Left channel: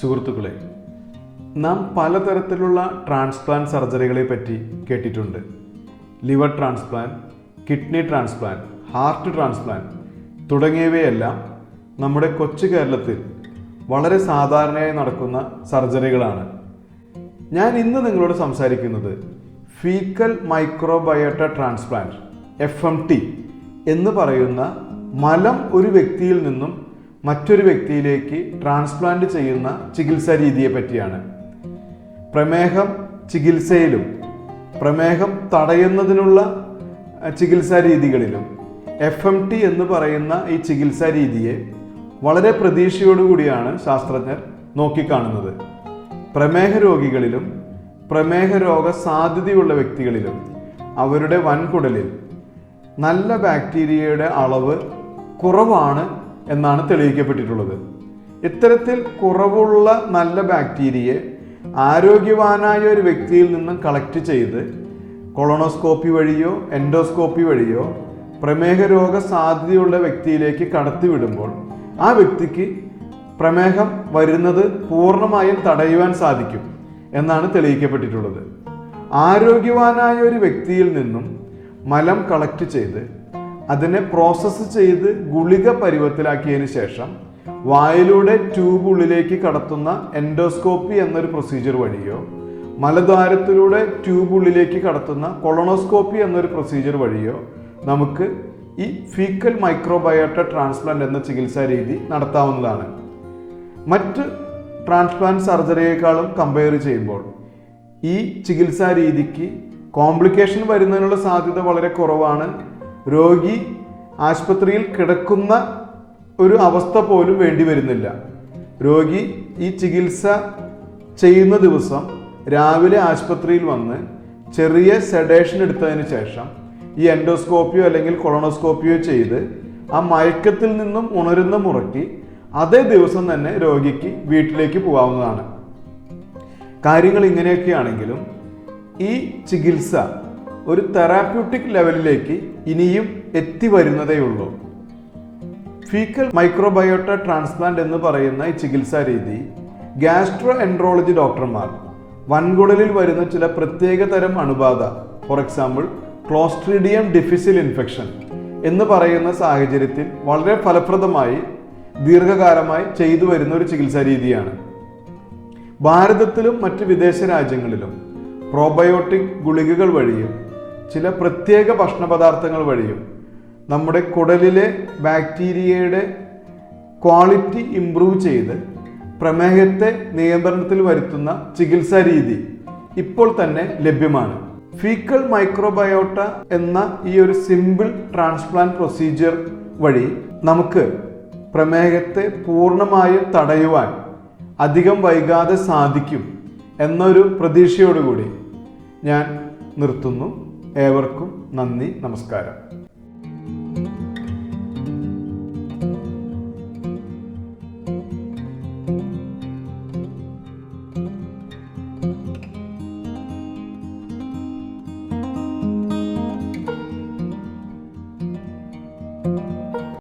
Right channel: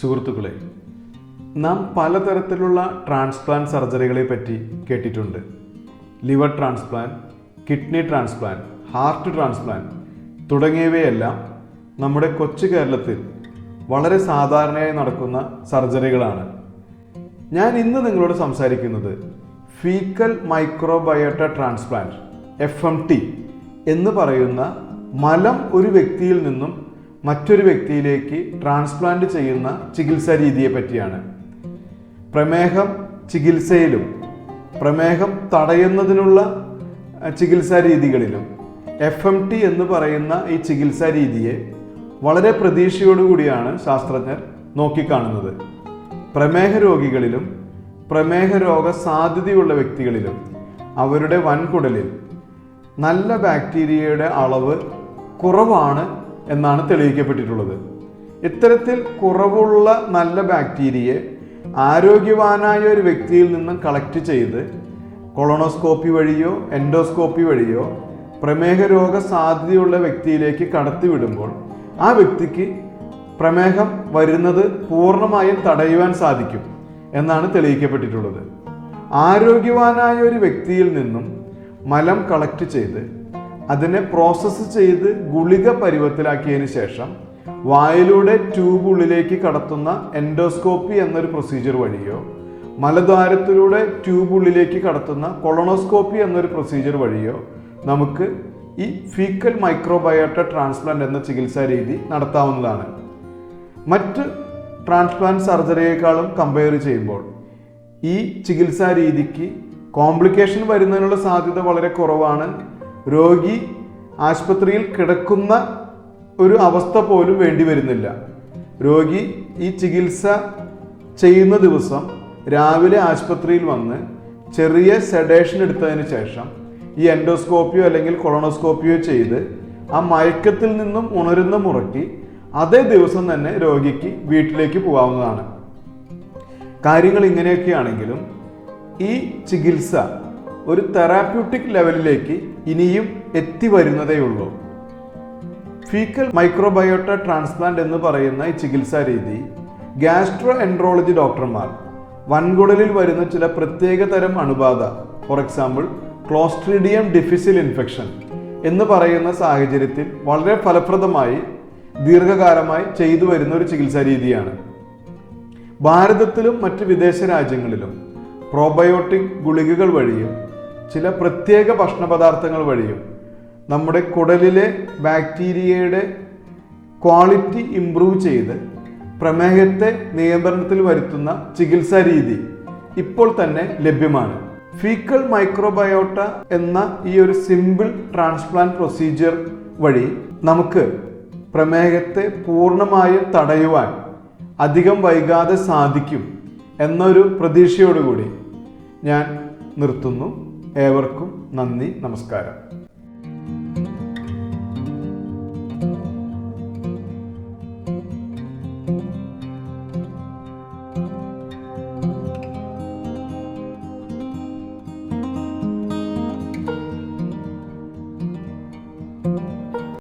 സുഹൃത്തുക്കളെ, നാം പലതരത്തിലുള്ള ട്രാൻസ്പ്ലാന്റ് സർജറികളെ പറ്റി കേട്ടിട്ടുണ്ട്. Liver transplant, kidney transplant, heart transplant തുടങ്ങിയവയെല്ലാം നമ്മുടെ കൊച്ചു കേരളത്തിൽ വളരെ സാധാരണയായി നടക്കുന്ന സർജറികളാണ്. ഞാൻ ഇന്ന് നിങ്ങളോട് സംസാരിക്കുന്നത് ഫീക്കൽ മൈക്രോബയോട്ട ട്രാൻസ്പ്ലാന്റ് FMT എന്ന് പറയുന്ന മലം ഒരു വ്യക്തിയിൽ നിന്നും മറ്റൊരു വ്യക്തിയിലേക്ക് ട്രാൻസ്പ്ലാന്റ് ചെയ്യുന്ന ചികിത്സാ രീതിയെ പറ്റിയാണ്. പ്രമേഹം ചികിത്സയിലും പ്രമേഹം തടയുന്നതിനുള്ള ചികിത്സാ രീതികളിലും FMT എന്ന് പറയുന്ന ഈ ചികിത്സാ രീതിയെ വളരെ പ്രതീക്ഷയോടുകൂടിയാണ് ശാസ്ത്രജ്ഞർ നോക്കിക്കാണുന്നത്. പ്രമേഹ രോഗികളിലും പ്രമേഹ രോഗ സാധ്യതയുള്ള വ്യക്തികളിലും അവരുടെ വൻകുടലിൽ നല്ല ബാക്ടീരിയയുടെ അളവ് കുറവാണ് എന്നാണ് തെളിയിക്കപ്പെട്ടിട്ടുള്ളത്. ഇത്തരത്തിൽ കുറവുള്ള നല്ല ബാക്ടീരിയയെ ആരോഗ്യവാനായ ഒരു വ്യക്തിയിൽ നിന്ന് കളക്ട് ചെയ്ത് കൊളോണോസ്കോപ്പി വഴിയോ എൻഡോസ്കോപ്പി വഴിയോ പ്രമേഹ രോഗ സാധ്യതയുള്ള വ്യക്തിയിലേക്ക് കടത്തിവിടുമ്പോൾ ആ വ്യക്തിക്ക് പ്രമേഹം വരുന്നത് പൂർണ്ണമായും തടയുവാൻ സാധിക്കും എന്നാണ് തെളിയിക്കപ്പെട്ടിട്ടുള്ളത്. ആരോഗ്യവാനായ ഒരു വ്യക്തിയിൽ നിന്നും മലം കളക്ട് ചെയ്ത് അതിനെ പ്രോസസ്സ് ചെയ്ത് ഗുളിക പരുവത്തിലാക്കിയതിനു ശേഷം വായിലൂടെ ട്യൂബ് ഉള്ളിലേക്ക് കടത്തുന്ന എൻഡോസ്കോപ്പി എന്നൊരു പ്രൊസീജിയർ വഴിയോ മലദ്വാരത്തിലൂടെ ട്യൂബ് ഉള്ളിലേക്ക് കടത്തുന്ന കൊളോണോസ്കോപ്പി എന്നൊരു പ്രൊസീജിയർ വഴിയോ നമുക്ക് ഈ ഫീക്കൽ മൈക്രോബയോട്ട ട്രാൻസ്പ്ലാന്റ് എന്ന ചികിത്സാ രീതി നടത്താവുന്നതാണ്. മറ്റ് ട്രാൻസ്പ്ലാന്റ് സർജറിയേക്കാളും കമ്പയർ ചെയ്യുമ്പോൾ ഈ ചികിത്സാ രീതിക്ക് കോംപ്ലിക്കേഷൻ വരുന്നതിനുള്ള സാധ്യത വളരെ കുറവാണ്. രോഗി ആശുപത്രിയിൽ കിടക്കുന്ന ഒരു അവസ്ഥ പോലും വേണ്ടി വരുന്നില്ല. രോഗി ഈ ചികിത്സ ചെയ്യുന്ന ദിവസം രാവിലെ ആശുപത്രിയിൽ വന്ന് ചെറിയ സെഡേഷൻ എടുത്തതിന് ശേഷം ഈ എൻഡോസ്കോപ്പിയോ അല്ലെങ്കിൽ കൊളോണോസ്കോപ്പിയോ ചെയ്ത് ആ മയക്കത്തിൽ നിന്നും ഉണരുന്ന മുറയ്ക്ക് അതേ ദിവസം തന്നെ രോഗിക്ക് വീട്ടിലേക്ക് പോകാവുന്നതാണ്. കാര്യങ്ങൾ ഇങ്ങനെയൊക്കെയാണെങ്കിലും ഈ ചികിത്സ ഒരു തെറാപ്യൂട്ടിക് ലെവലിലേക്ക് ഇനിയും എത്തി വരുന്നതേയുള്ളൂ. ഫീക്കൽ മൈക്രോബയോട്ട ട്രാൻസ്പ്ലാന്റ് എന്ന് പറയുന്ന ഈ ചികിത്സാ രീതി ഗ്യാസ്ട്രോ എൻട്രോളജി ഡോക്ടർമാർ വൻകുടലിൽ വരുന്ന ചില പ്രത്യേക തരം അണുബാധ, ഫോർ എക്സാമ്പിൾ ക്ലോസ്ട്രീഡിയം ഡിഫിസിൽ ഇൻഫെക്ഷൻ എന്ന് പറയുന്ന സാഹചര്യത്തിൽ വളരെ ഫലപ്രദമായി ദീർഘകാലമായി ചെയ്തു വരുന്ന ഒരു ചികിത്സാ രീതിയാണ്. ഭാരതത്തിലും മറ്റ് വിദേശ രാജ്യങ്ങളിലും പ്രോബയോട്ടിക് ഗുളികകൾ വഴിയും ചില പ്രത്യേക ഭക്ഷണ പദാർത്ഥങ്ങൾ വഴിയും നമ്മുടെ കുടലിലെ ബാക്ടീരിയയുടെ ക്വാളിറ്റി ഇംപ്രൂവ് ചെയ്ത് പ്രമേഹത്തെ നിയന്ത്രണത്തിൽ വരുത്തുന്ന ചികിത്സാ രീതി ഇപ്പോൾ തന്നെ ലഭ്യമാണ്. ഫീക്കൽ മൈക്രോബയോട്ട എന്ന ഈ ഒരു സിമ്പിൾ ട്രാൻസ്പ്ലാന്റ് പ്രൊസീജിയർ വഴി നമുക്ക് പ്രമേഹത്തെ പൂർണ്ണമായും തടയുവാൻ അധികം വൈകാതെ സാധിക്കും എന്നൊരു പ്രതീക്ഷയോടുകൂടി ഞാൻ നിർത്തുന്നു. ഏവർക്കും നന്ദി, നമസ്കാരം.